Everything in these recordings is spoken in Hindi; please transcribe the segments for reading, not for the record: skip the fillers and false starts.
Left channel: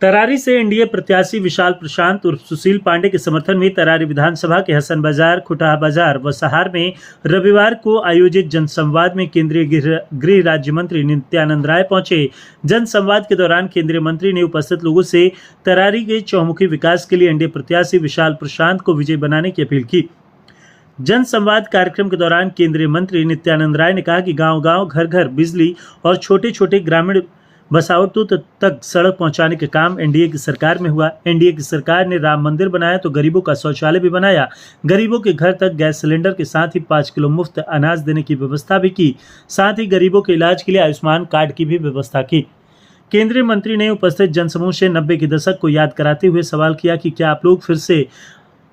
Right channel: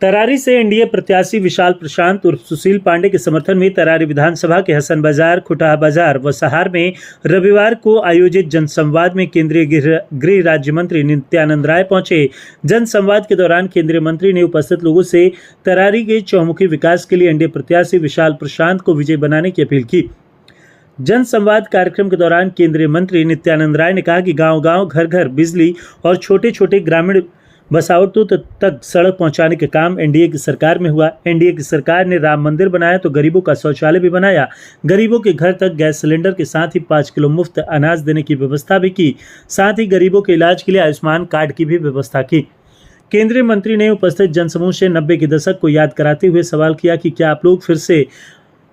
तरारी से एनडीए प्रत्याशी विशाल प्रशांत उर्फ सुशील पांडे के समर्थन में तरारी विधानसभा के हसन बाजार, खुटाहा बाजार व सहार में रविवार को आयोजित जनसंवाद में केंद्रीय गृह राज्य मंत्री नित्यानंद राय पहुंचे। जनसंवाद के दौरान केंद्रीय मंत्री ने उपस्थित लोगों से तरारी के चौमुखी विकास के लिए एनडीए प्रत्याशी विशाल प्रशांत को विजयी बनाने की अपील की। जनसंवाद कार्यक्रम के दौरान केंद्रीय मंत्री नित्यानंद राय ने कहा कि गांव-गांव, घर-घर बिजली और छोटे-छोटे ग्रामीण बसावटों तक सड़क पहुंचाने का काम एनडीए की सरकार में हुआ। एनडीए की सरकार ने राम मंदिर बनाया तो गरीबों का शौचालय भी बनाया। गरीबों के घर तक गैस सिलेंडर के साथ ही 5 किलो मुफ्त अनाज देने की व्यवस्था भी की। साथ ही गरीबों के इलाज के लिए आयुष्मान कार्ड की भी व्यवस्था की। केंद्रीय मंत्री ने उपस्थित जनसमूह से 90 के दशक को याद कराते हुए सवाल किया कि क्या आप लोग फिर से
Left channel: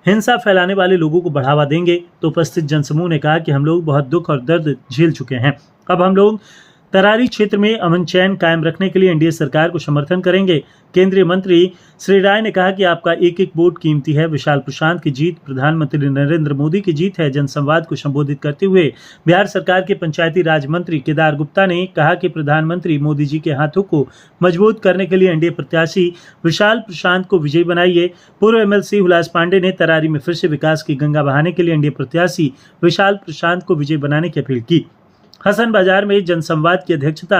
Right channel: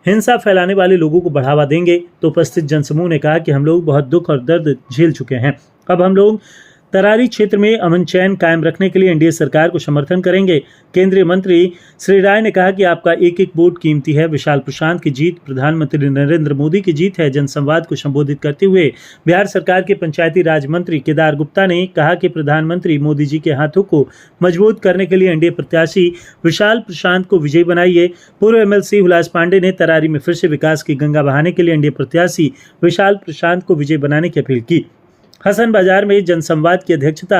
हिंसा फैलाने वाले लोगों को बढ़ावा देंगे। तो उपस्थित जनसमूह ने कहा कि हम लोग बहुत दुख और दर्द झेल चुके हैं। अब हम लोग तरारी क्षेत्र में अमन चैन कायम रखने के लिए एनडीए सरकार को समर्थन करेंगे। केंद्रीय मंत्री श्री राय ने कहा कि आपका एक एक वोट कीमती है। विशाल प्रशांत की जीत प्रधानमंत्री नरेंद्र मोदी की जीत है। जनसंवाद को संबोधित करते हुए बिहार सरकार के पंचायती राज मंत्री केदार गुप्ता ने कहा कि प्रधानमंत्री मोदी जी के हाथों को मजबूत करने के लिए एनडीए प्रत्याशी विशाल प्रशांत को विजयी बनाइए। पूर्व एमएलसी हुलास पांडे ने तरारी में फिर से विकास की गंगा बहाने के लिए एनडीए प्रत्याशी विशाल प्रशांत को विजयी बनाने की अपील की। हसन बाजार में जनसंवाद की अध्यक्षता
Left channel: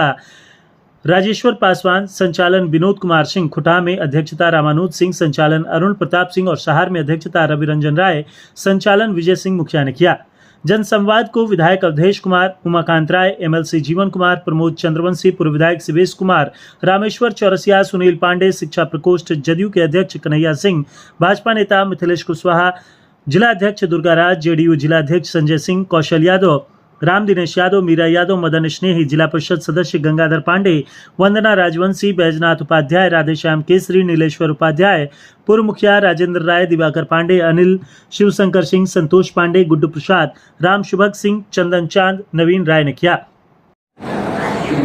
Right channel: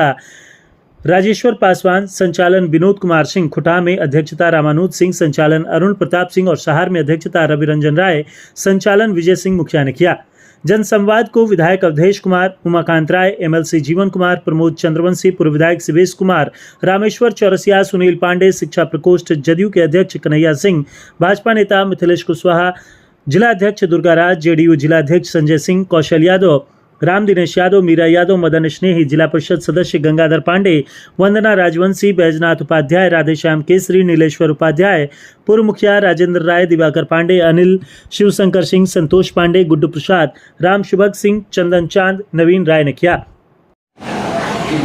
राजेश्वर पासवान, संचालन विनोद कुमार सिंह, खुटाहा में अध्यक्षता रामानुज सिंह, संचालन अरुण प्रताप सिंह और सहार में अध्यक्षता रवि रंजन राय, संचालन विजय सिंह मुखिया ने किया। जनसंवाद को विधायक अवधेश कुमार, उमाकांत राय, एमएलसी जीवन कुमार, प्रमोद चंद्रवंशी, पूर्व विधायक शिवेश कुमार, रामेश्वर चौरसिया, सुनील पांडे, शिक्षा प्रकोष्ठ जदयू के अध्यक्ष कन्हैया सिंह, भाजपा नेता मिथिलेश कुशवाहा, जिला अध्यक्ष दुर्गाराज, जेडीयू जिला अध्यक्ष संजय सिंह, कौशल यादव, राम दिनेश यादव, मीरा यादव, मदन स्नेही, जिला परिषद सदस्य गंगाधर पांडे, वंदना राजवंशी, बैजनाथ उपाध्याय, राधेश्याम केसरी, नीलेश्वर उपाध्याय, पूर्व मुखिया राजेंद्र राय, दिवाकर पांडे, अनिल, शिवशंकर सिंह, संतोष पांडे, गुड्डू प्रसाद, राम शुभग सिंह, चंदन चांद, नवीन राय ने किया।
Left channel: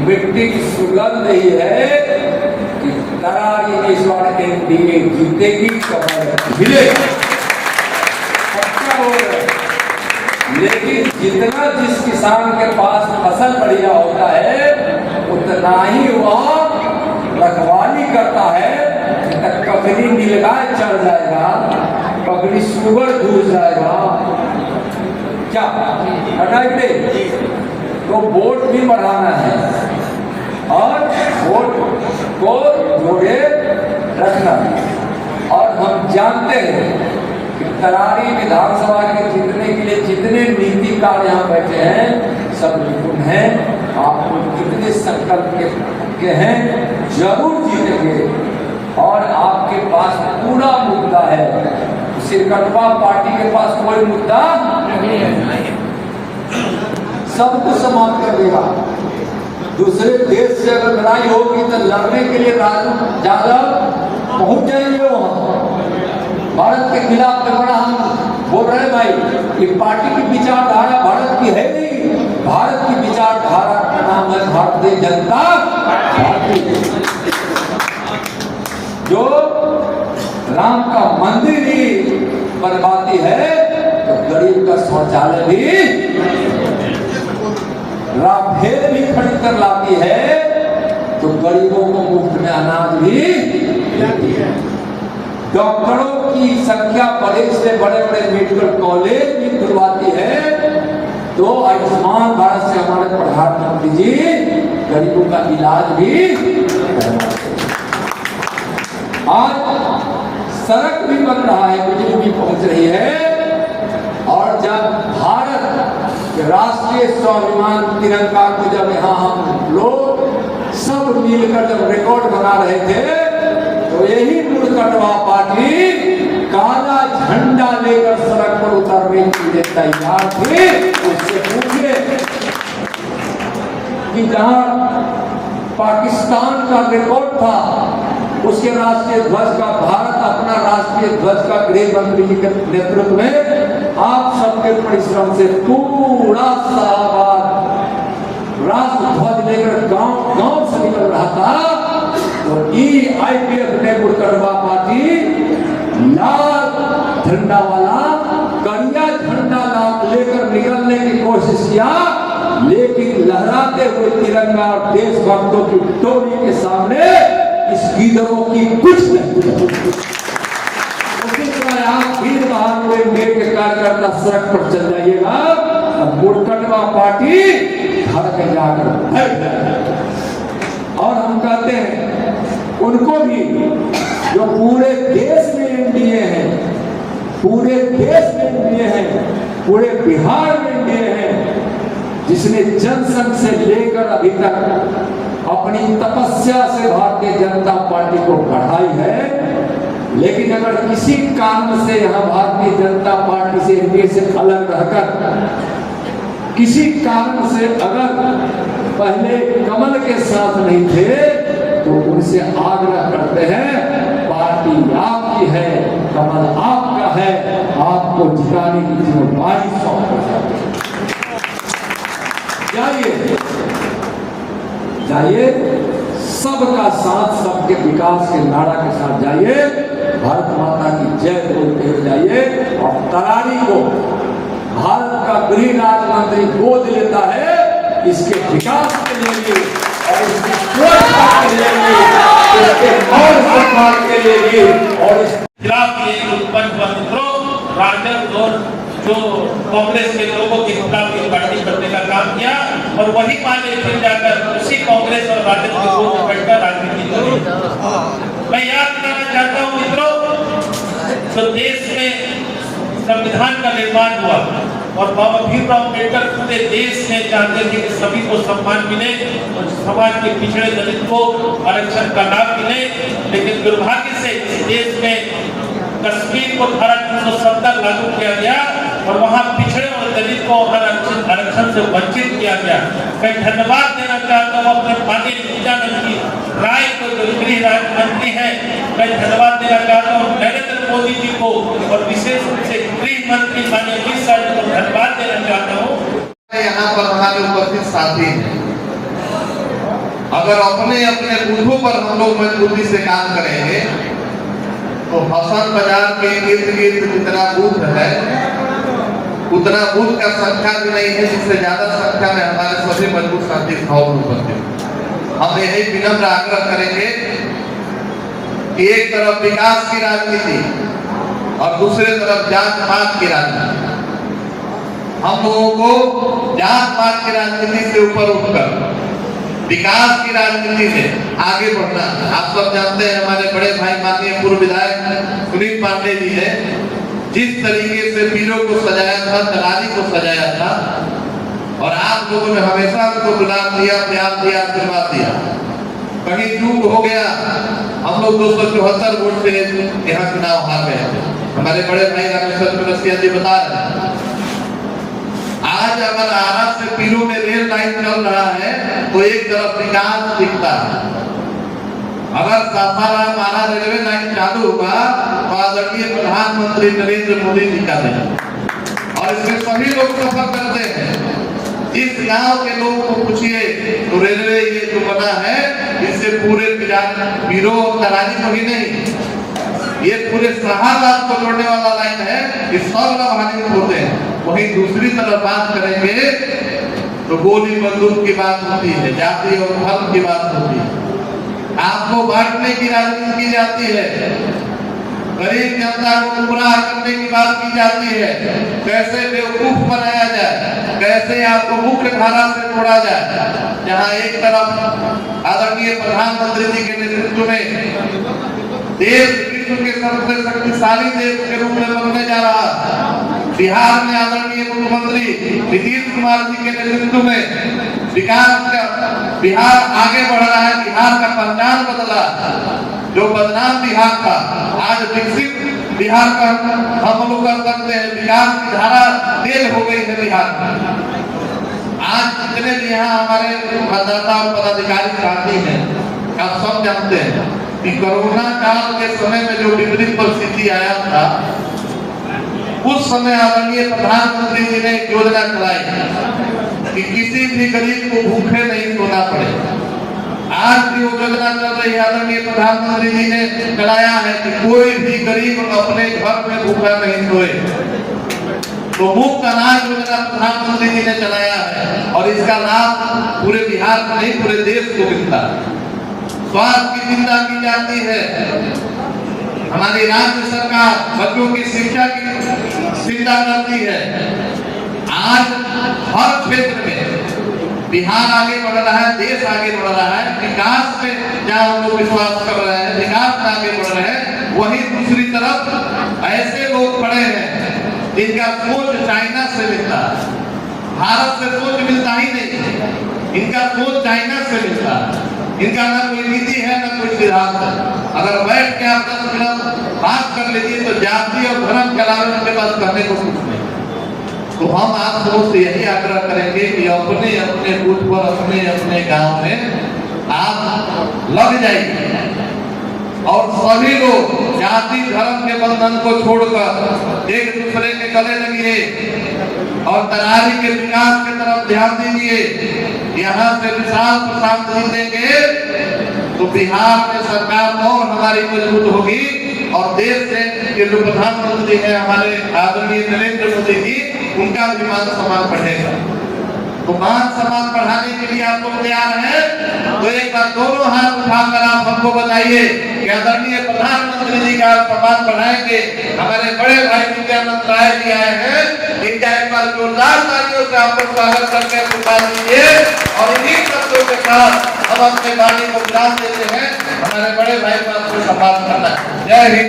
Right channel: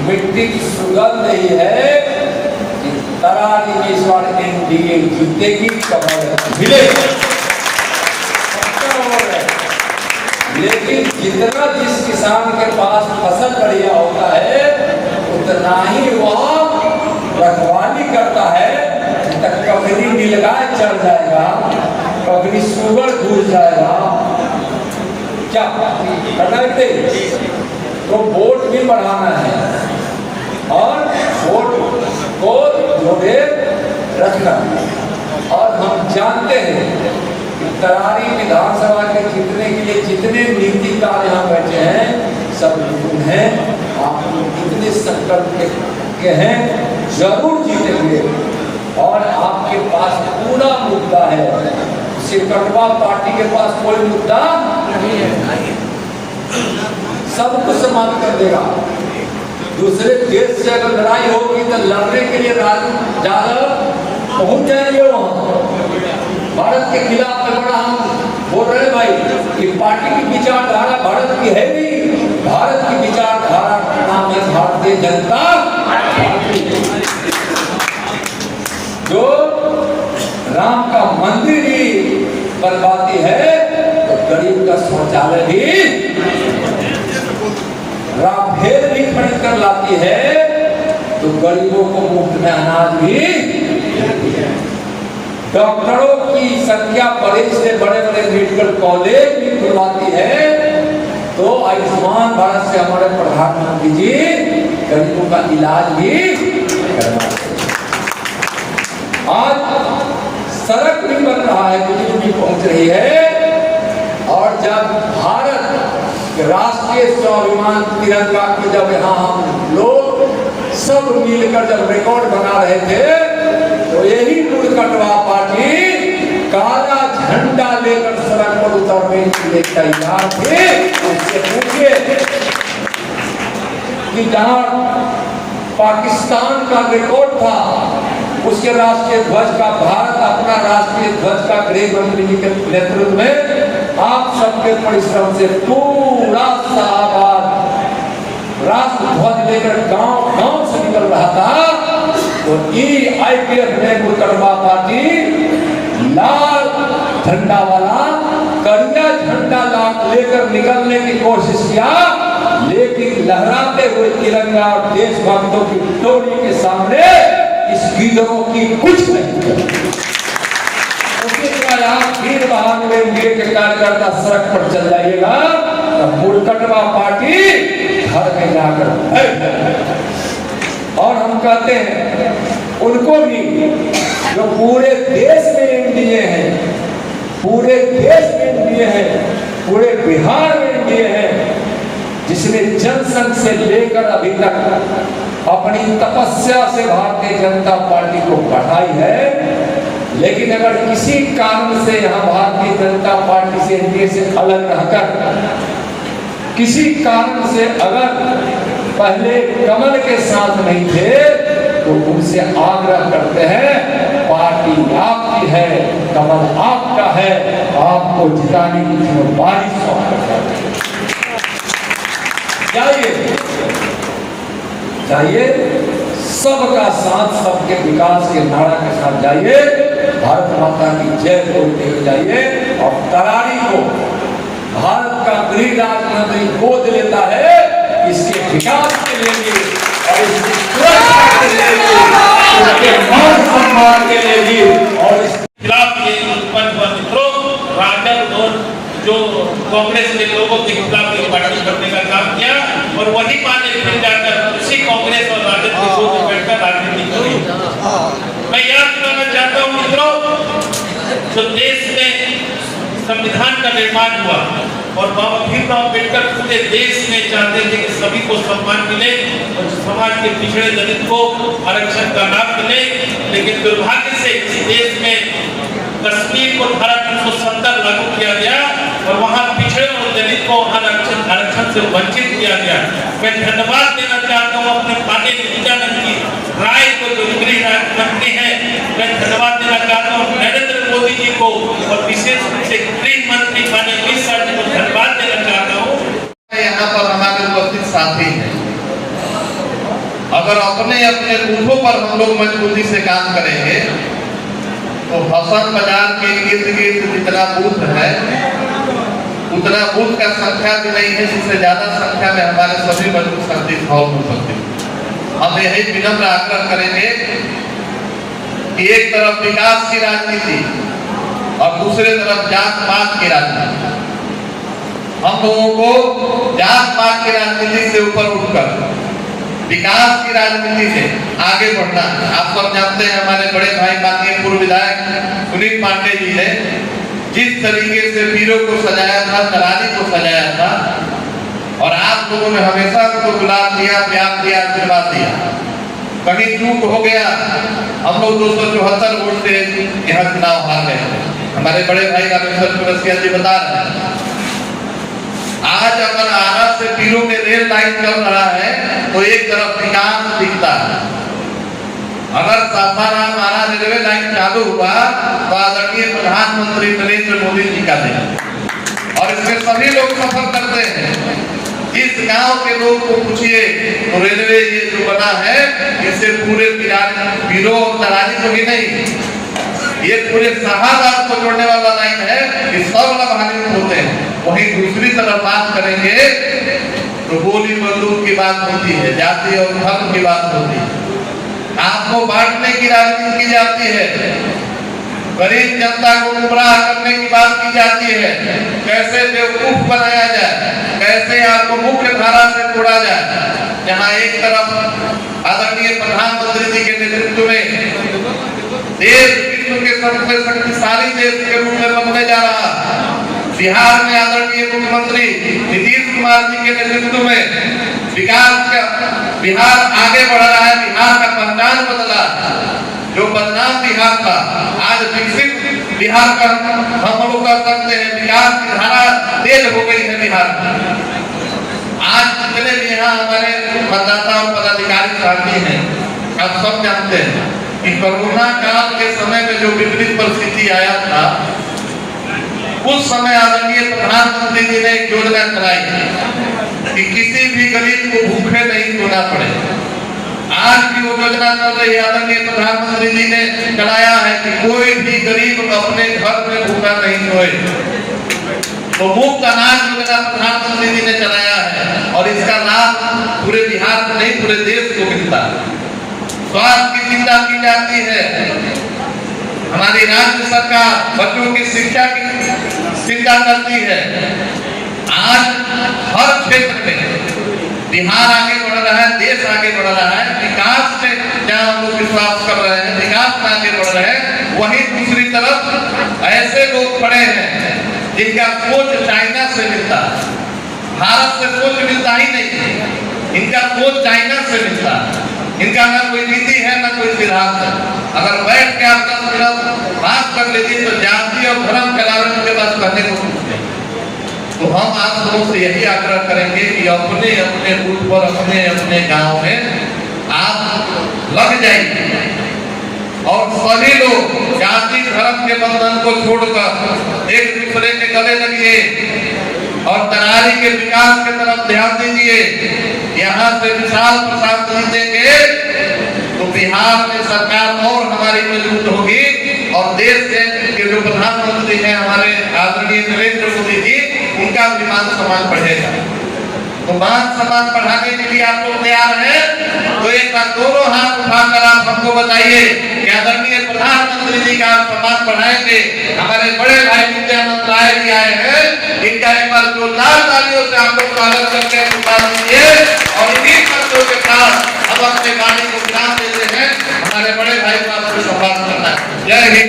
मिट्टी की सुगंध ही है कि तरारी में इस बार एनडीए जीतेगी, कमल मिलेगा। लेकिन जितना जिस किसान के पास फसल बढ़िया होता है उतना ही वह रखवाली करता है। ककड़ी नीलगाय चढ़ जाएगा, ककड़ी सुअर घुस जाएगा, क्या हटाते तो वोट भी बढ़ाना है और वोट को जोड़े रखना। और हम जानते हैं तरारी विधानसभा के जीतने के लिए जितने नीतिकार यहाँ बैठे हैं सब निपुण हैं। आप कितने संकल्प के हैं, जरूर जीतेंगे। और आपके पास पूरा मुद्दा है। सिरकटवा पार्टी के पास कोई मुद्दा नहीं है, सब कुछ समाप्त कर देगा। दूसरे देश से अगर लड़ाई होगी तो लड़ने के लिए ज्यादा पहुंच जाएंगे वहां। भारत के खिलाफ में बड़ा हम बोल रहे भाई कि पार्टी की विचारधारा भारत की है नहीं, भारत की विचारधारा का नाम है भारतीय जनता पार्टी। जो राम का मंदिर ही बनवाती है तो गरीब का शौचालय भी, राफेल भी खरीद कर लाती है तो गरीबों को मुफ्त में अनाज भी देती है। डॉक्टरों की संख्या बड़े से बड़े मेडिकल कॉलेज भी खुलवाती है तो आयुष्मान भारत से हमारे प्रधानमंत्री जी गरीबों का इलाज भी करवाते हैं। आज सड़क भी बन रहा है, बिजली भी पहुंच रही है। और जब भारत राष्ट्रीय स्वाभिमान तिरंगा को जब यहाँ हम लोग सब मिलकर जब रिकॉर्ड बना रहे थे तो यही मुड़कटवा पार्टी काला झंडा लेकर सड़क पर उतरने के लिए तैयार थे। उससे पूछिए कि जहां पाकिस्तान का रिकॉर्ड था उसके राष्ट्रीय ध्वज का, भारत अपना राष्ट्रीय ध्वज का गृह मंत्री के नेतृत्व में आप सबके परिश्रम से पूरा शाहबाद राष्ट्र ध्वज लेकर गांव से निकल रहा था। तो आईपीएफ ने मुड़कटवा पार्टी लाल झंडा वाला करिया झंडा लेकर निकलने की कोशिश किया, लेकिन लहराते हुए तिरंगा और देशभक्तों की टोली के सामने इस गिदड़ों की कुछ नहीं करेगी। उसी तरह यहाँ भीड़ भाड़ में एनडीए के कार्यकर्ता सड़क पर चल जाइएगा, मुरकटवा पार्टी घर में जाकर बैठ जाएगी। और हम कहते हैं उनको भी जो पूरे देश में एनडीए है, पूरे देश में एनडीए है, पूरे बिहार में एनडीए है, जिसने जनसंघ से लेकर अभी तक अपनी तपस्या से भारतीय जनता पार्टी को बढ़ाई है। लेकिन अगर किसी कारण से यहाँ भारतीय जनता पार्टी से एनडीए से अलग रहकर किसी कारण से अगर पहले कमल के साथ नहीं थे, तो उनसे आग्रह करते हैं, पार्टी आपकी है, कमल आपका है, आपको जिताने की जिम्मेदारी सौंप जाइए, जाइए, सबका साथ, सबके विकास के नारा के साथ जाइए, भारत माता की जय बोलते हुए जाइए। और करारी को भारत का गृह राज्य मंत्री गोद लेता है, इसके विकास के लिए भी और इसकी सुरक्षा के लिए भी, इसके मान सम्मान के लिए भी और इस खिलाफ ये उत्पन्न हुआ मित्रों, राजद और जो कांग्रेस के लोगों के खिलाफ ये पार्टी करने का काम किया और वही माने फिर जाकर उसी कांग्रेस और राजद के लोग बैठकर राजनीति करें। मैं याद करना चाहता हूँ मित्रों, जो देश में संविधान का निर्माण हुआ और बाबा भीमराव अम्बेडकर पूरे देश में चाहते थे कि सभी को सम्मान मिले और समाज के पिछड़े दलित को आरक्षण का लाभ मिले। लेकिन दुर्भाग्य से इस देश में कश्मीर को धारा 370 लागू किया गया और वहां पिछड़े और दलित को आरक्षण से वंचित किया गया। मैं धन्यवाद देना चाहता हूँ अपने माननीय नित्यानंद जी राय को, जो गृह राज्य मंत्री है। मैं धन्यवाद देना चाहता हूँ नरेंद्र मोदी जी को और विशेष रूप से गृह मंत्री माननीय अमित शाह जी को धन्यवाद देना चाहता हूँ। यहाँ पर हमारे उपस्थित साथी हैं, अगर अपने अपने बूथों पर हम लोग मजबूती से काम करेंगे तो हसन बाजार के इर्द गिर्द जितना बूथ है उतना बूथ का संख्या भी नहीं है जिससे ज्यादा संख्या में हमारे सभी मजबूत शांति भाव हो सकते। हम यही विनम्र आग्रह करेंगे कि एक तरफ विकास की राजनीति और दूसरे तरफ जात पात की राजनीति, हम लोगों को जात पात की राजनीति से ऊपर उठकर विकास की राजनीति से आगे बढ़ना। आप सब जानते हैं हमारे बड़े भाई माननीय पूर्व विधायक सुनील पांडे जी ने जिस तरीके से पीरों को सजाया था, तराजी को सजाया था और आप लोगों ने हमेशा उसको गुलाब दिया, प्यार दिया, आशीर्वाद दिया। कहीं चूक हो गया, हम लोग 274 वोट से यहाँ चुनाव हार गए। हमारे बड़े भाई रामेश्वर पुरस्किया जी बता रहे हैं, आज अगर आरा से पीरों में रेल लाइन चल रहा है तो एक तरफ विकास दिखता है। अगर सासाराम आरा रेलवे लाइन चालू हुआ तो आदरणीय प्रधानमंत्री नरेंद्र मोदी जी का है और इसमें सभी लोग सफर करते हैं। इस गांव के लोग को पूछिए तो रेलवे ये जो बना है इससे पूरे पीरों और तराजी को ही नहीं, ये पूरे शाहबाद को जोड़ने वाला लाइन है, ये सब लाभान्वित होते हैं। वहीं दूसरी तरफ बात करेंगे तो गोली बंदूक की बात होती है, जाति और धर्म की बात होती है, आपको बांटने की राजनीति की जाती है, गरीब जनता को गुमराह करने की बात की जाती है, कैसे बेवकूफ बनाया जाए, कैसे आपको मुख्य धारा से जोड़ा जाए। जहाँ एक तरफ आदरणीय प्रधानमंत्री जी के नेतृत्व में देश विश्व के सबसे शक्तिशाली देश के रूप में बनने जा रहा, बिहार में आदरणीय मुख्यमंत्री नीतीश कुमार जी के नेतृत्व में विकास का बिहार आगे बढ़ रहा है। बिहार का पहचान बदला, जो बदनाम बिहार था आज विकसित बिहार का हम लोग कर सकते हैं। विकास की धारा तेज हो गई है बिहार में। आज जितने भी यहाँ हमारे मतदाता और पदाधिकारी साथी हैं, आप सब जानते हैं कि कोरोना काल के समय में जो विपरीत परिस्थिति आया था, उस समय आदरणीय प्रधानमंत्री जी ने एक योजना चलाई कि किसी भी गरीब को भूखे नहीं सोना पड़े। आज की वो योजना चल रही है, आदरणीय प्रधानमंत्री जी ने कराया है कि कोई भी गरीब अपने घर में भूखा नहीं सोए। तो मुफ्त अनाज योजना प्रधानमंत्री जी ने चलाया है और इसका लाभ पूरे बिहार में नहीं पूरे देश को मिलता है। स्वास्थ्य की चिंता की जाती है, हमारी राज्य सरकार बच्चों की शिक्षा की चिंता करती है। आज हर क्षेत्र में बिहार आगे बढ़ रहा है, देश आगे बढ़ रहा है। विकास में जहाँ हम लोग विश्वास कर रहे हैं, विकास में आगे बढ़ रहे हैं, वहीं दूसरी तरफ ऐसे लोग पड़े हैं जिनका सोच चाइना से मिलता है, भारत से सोच मिलता ही नहीं। इनका सोच चाइना से मिलता है। इनका ना कोई नीति है, ना कोई सिद्धांत है। अगर बैठ के आप 10 मिनट बात कर लीजिए तो जाति और धर्म फैलाने के पास कहने को कुछ नहीं। तो हम आप लोगों से यही आग्रह करेंगे कि अपने अपने बूथ पर, अपने अपने गांव में आप लग जाइए और सभी लोग जाति धर्म के बंधन को छोड़कर एक दूसरे के गले लगिए और तरारी के विकास की तरफ ध्यान दीजिए। यहाँ से विशाल प्रसाद नहीं देंगे तो बिहार में सरकार और हमारी मजबूत होगी और देश के जो प्रधानमंत्री हैं हमारे आदरणीय नरेंद्र मोदी जी, उनका भी मान सम्मान बढ़ेगा। तो मान सम्मान बढ़ाने के लिए आप लोग तैयार हैं? तो एक बार दोनों हाथ उठाकर आप हमको बताइए कि आदरणीय प्रधानमंत्री जी का सम्मान बढ़ाएंगे। हमारे बड़े भाई नित्यानंद राय जी आए हैं, इनका एक बार जोरदार तालियों से आपको स्वागत करके सम्मान दीजिए। और इन्हीं शब्दों के साथ हम अपने वाणी को विराम देते हैं। हमारे बड़े भाई को आपको सम्मान करना है। जय हिंद।